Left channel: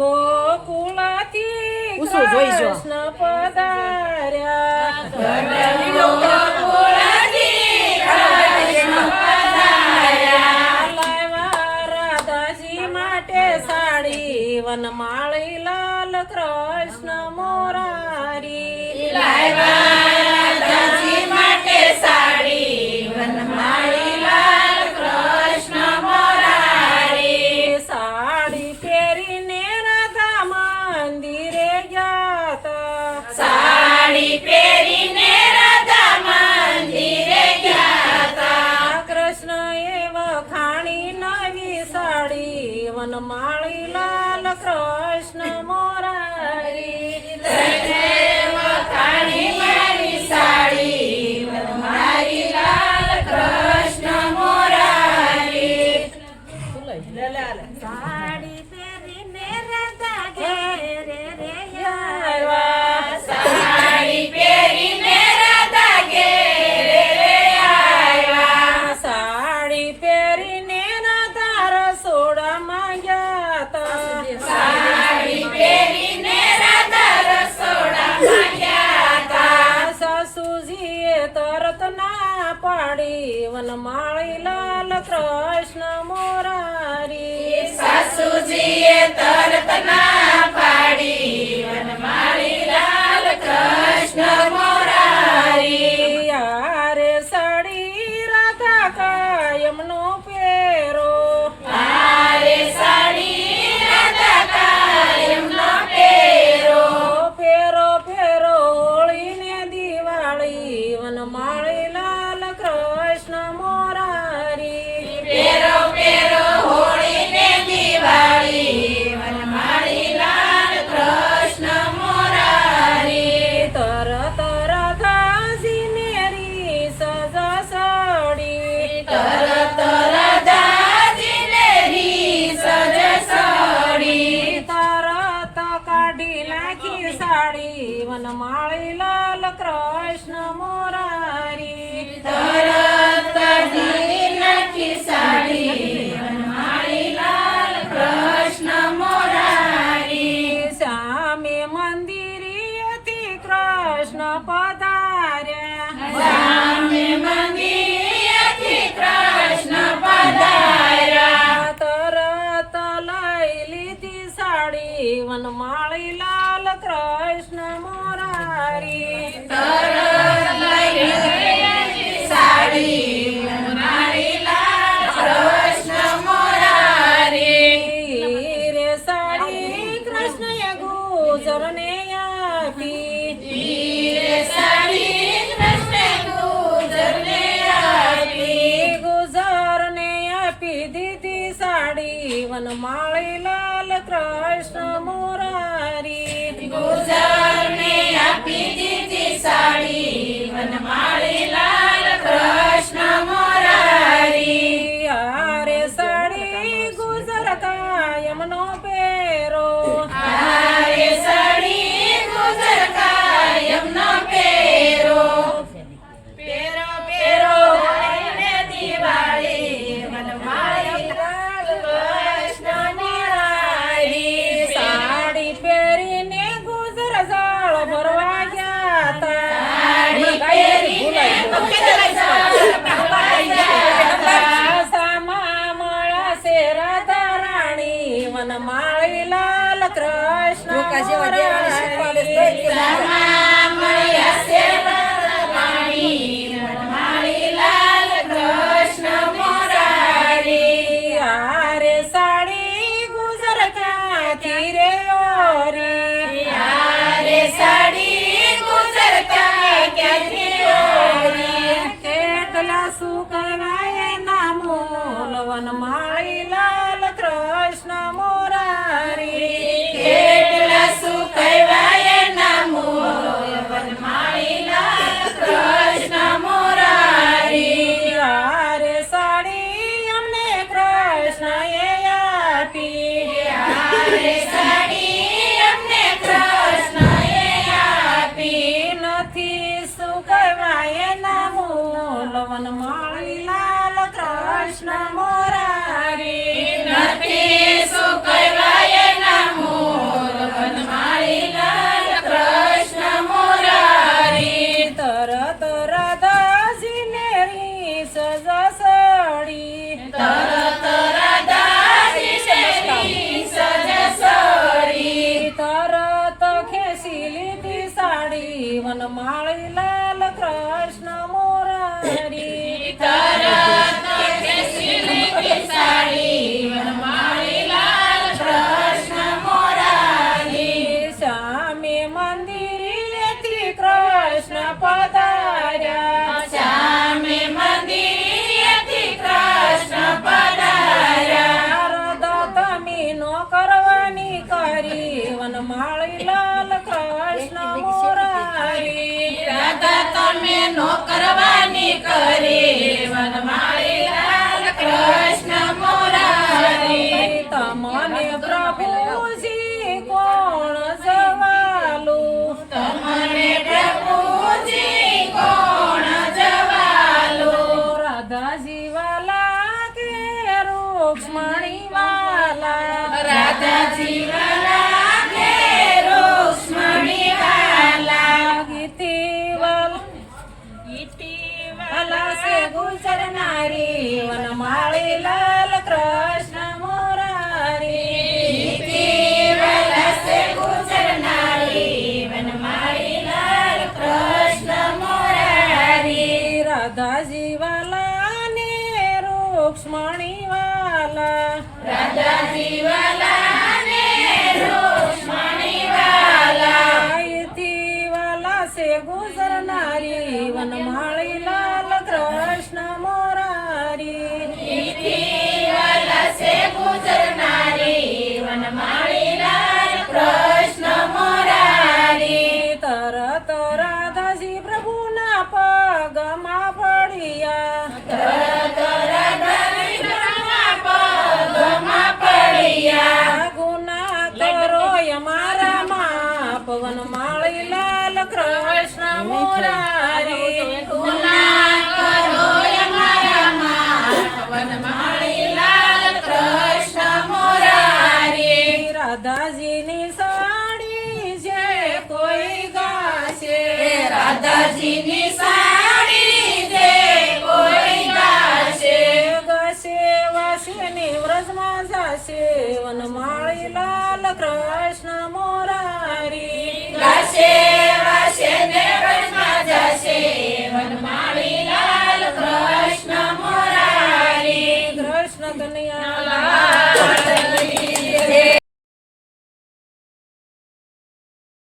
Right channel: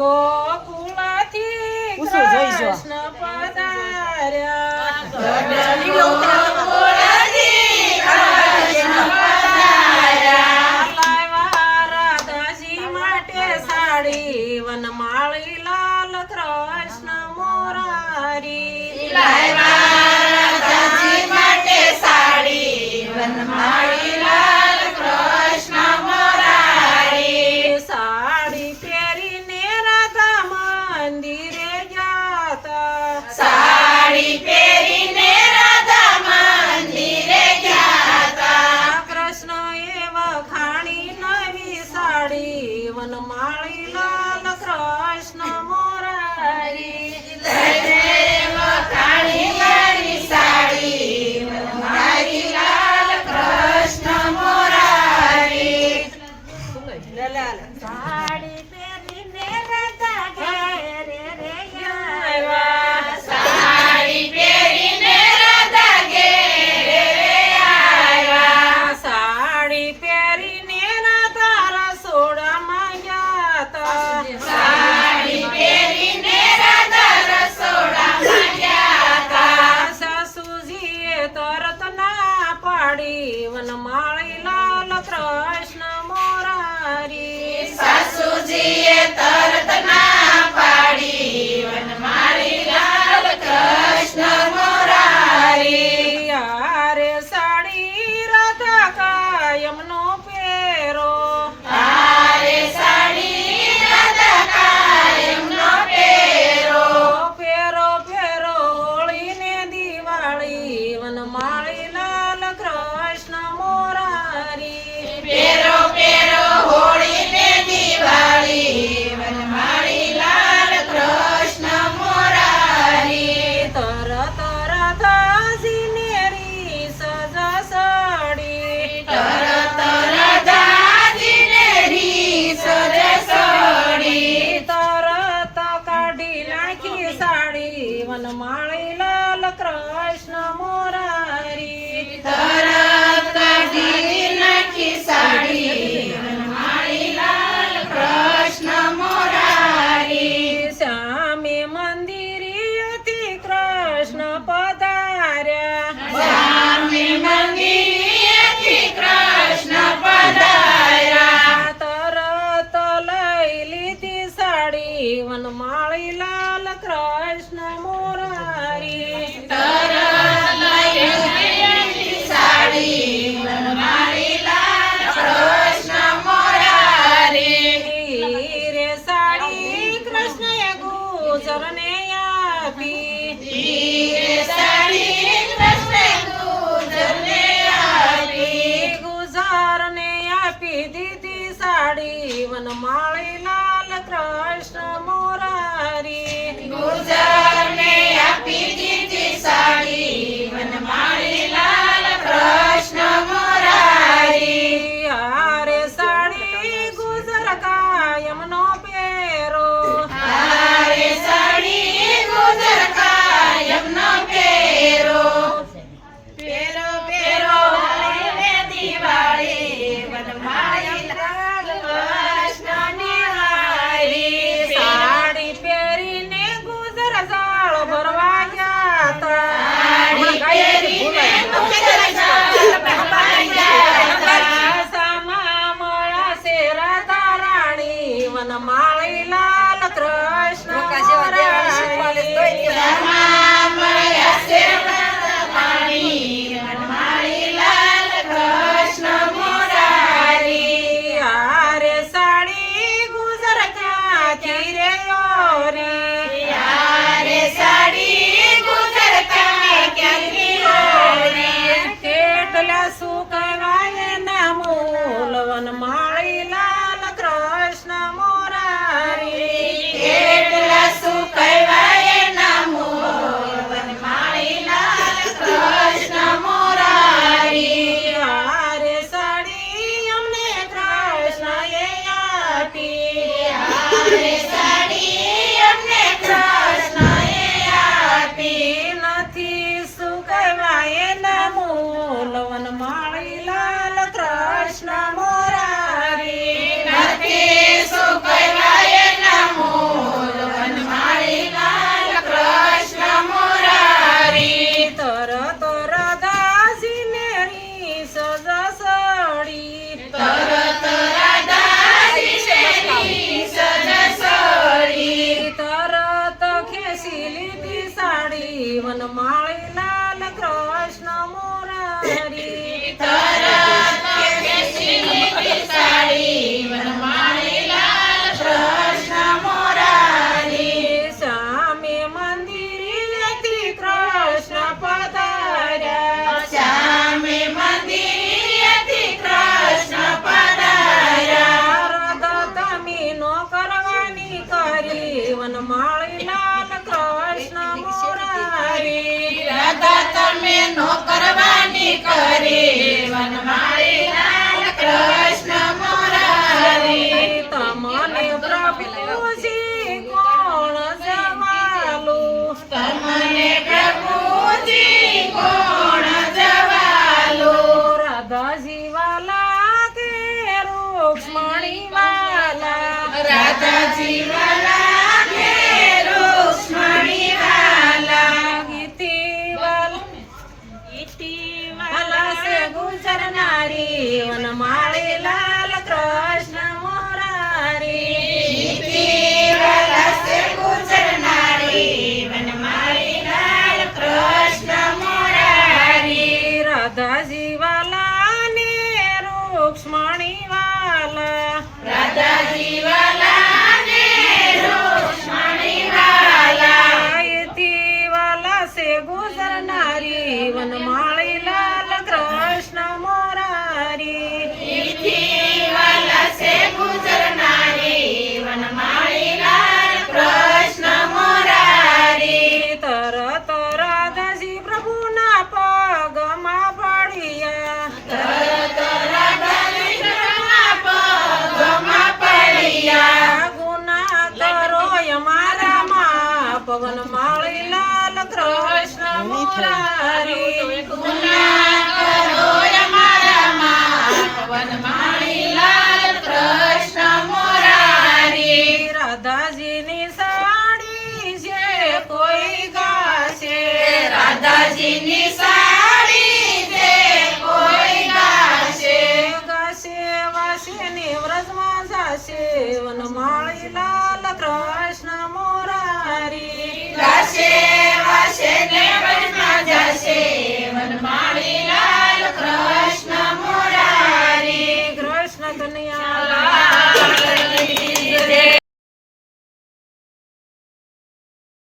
ગોકુળથી કૃષ્ણ પધાર્યા લાવ્યા રાધાજી માટે સાડી વનમાળી લાલ કૃષ્ણ મોરારી રાધાજી માટે સાડી વનમાળી લાલ કૃષ્ણ મોરારી સાડી પહેરીને રાધા મંદિરે ગયા સાડી પહેરીને રાધા મંદિરે ગયા તા કૃષ્ણ એ વખાણી નવી સાડી વનમાળી લાલ કૃષ્ણ મોરારી વખાણી મારી સાડી વનમાળી લાલ કૃષ્ણ મોરારી સાડી પહેરીને રાધા ઘેરે રે આવ્યા સાડી પહેરીને રાધા ઘેરે રે આવ્યા સાડી પહેરીને રાધા રસોડામાં ગયા તા સાડી પહેરીને રાધા રસોડામાં ગયા તા સાસુજીએ તરત ના પાડી વનમાળી લાલ કૃષ્ણ મોરારી સાસુજીએ તરત ના પાડી વનમાળી લાલ કૃષ્ણ મોરારી યારે સાડી રાધા કાયમનો પહેરો તારે સાડી રાધા કાયમનો પહેરો ફેરો ફેરો હોળી ને દિવાળી વનમાળી લાલ કૃષ્ણ મોરારી પેરો પેરો હોળી ને દિવાળી વનમાળી લાલ કૃષ્ણ મોરારી તરત રાધાજીને રીસ જસડી તરત રાધાજીને રીસ જસડી તરત કાઢી નાખી સાડી વનમાળી લાલ કૃષ્ણ મોરારી તરત કાઢી નાખી સાડી વનમાળી લાલ કૃષ્ણ મોરારી શ્યામે મંદિરેથી કૃષ્ણ પધાર્યા શ્યામે મંદિરેથી કૃષ્ણ પધાર્યા તરત લઈ લીધી સાડી વનમાળી લાલ કૃષ્ણ મોરારી તરત લઈ લીધી સાડી વનમાળી લાલ કૃષ્ણ મોરારી રે સાડી કૃષ્ણએ ગુજરને આપી હીરે સાડી કૃષ્ણ ગુજરને આપી ગુજરને આપી દીધી સાડી વનમાળી લાલ કૃષ્ણ મોરારી ગુજરને આપી દીધી સાડી વનમાળી લાલ કૃષ્ણ મોરારી યારે સાડી ગુજર કાયમનો પહેરો તારે સાડી ગુજર કાયમનો પહેરો પેરો પેરો હોળીને દિવાળી વનમાળી લાલ કૃષ્ણ મોરારી સાડી પહેરીને ગુજર જાળ ભરવા ગયા તા સામા મળાશે રાધા રાણી વનમાળી લાલ કૃષ્ણ મોરારી યારે સાડી ગુજર ક્યાંથી રે ઓરી કેટલા સુકનાય ના મૂલ વનમાળી લાલ કૃષ્ણ મોરારી યારે સાડી અમને કૃષ્ણ એ આપી નથી સુકવાય ના મૂલ વનમાળી લાલ કૃષ્ણ મોરારી નથી સુકવાય ના મૂળ હરી વનમાળી લાલ કૃષ્ણ મુરારી તમને પ્રભુજી કોણ જવાલું તમને પ્રભુજી કોણ જવાલો રાધાજી વાલા કે રૂક્ષ્મણી વાલા રાધાજી વાલા કે રૂક્ષ્મણી વાલા વાલા સે ગુજર નારી વનમાળી લાલ કૃષ્ણ મુરારી વાલા સે ગુજર નારી વનમાળી લાલ કૃષ્ણ મુરારી રાધાજી વાલા ને રૂક્ષ્મણી વાલા રાધાજી વાલા ને રૂક્ષ્મણી વાલા ગાયત્રી વાલા સે ગુજર નારી વનમાળી લાલ કૃષ્ણ મોરારી વાલા સે ગુજર નારી વનમાળી લાલ કૃષ્ણ મુરારી તરત રાધાજી પ્રભુના પગમાં પડ્યા તરત રાધાજી પ્રભુના પગમાં પડ્યા ગુના કરો અમારા માં પવન માળી લાલ કૃષ્ણ મોરારી ગુના કરો અમારા માં વનમાળી લાલ કૃષ્ણ મુરારી રાધાજીની સાડી જે કોઈ ગાશે રાધાજીની સાડી જે કોઈ ગાશે ગાશે વાસે ને વ્રજમાં જાશે વનમાળી લાલ કૃષ્ણ મોરારી ગાશે વાસે ને વનમાં જાશે વનમાળી લાલ કૃષ્ણ મુરારી કૃષ્ણ કનૈયા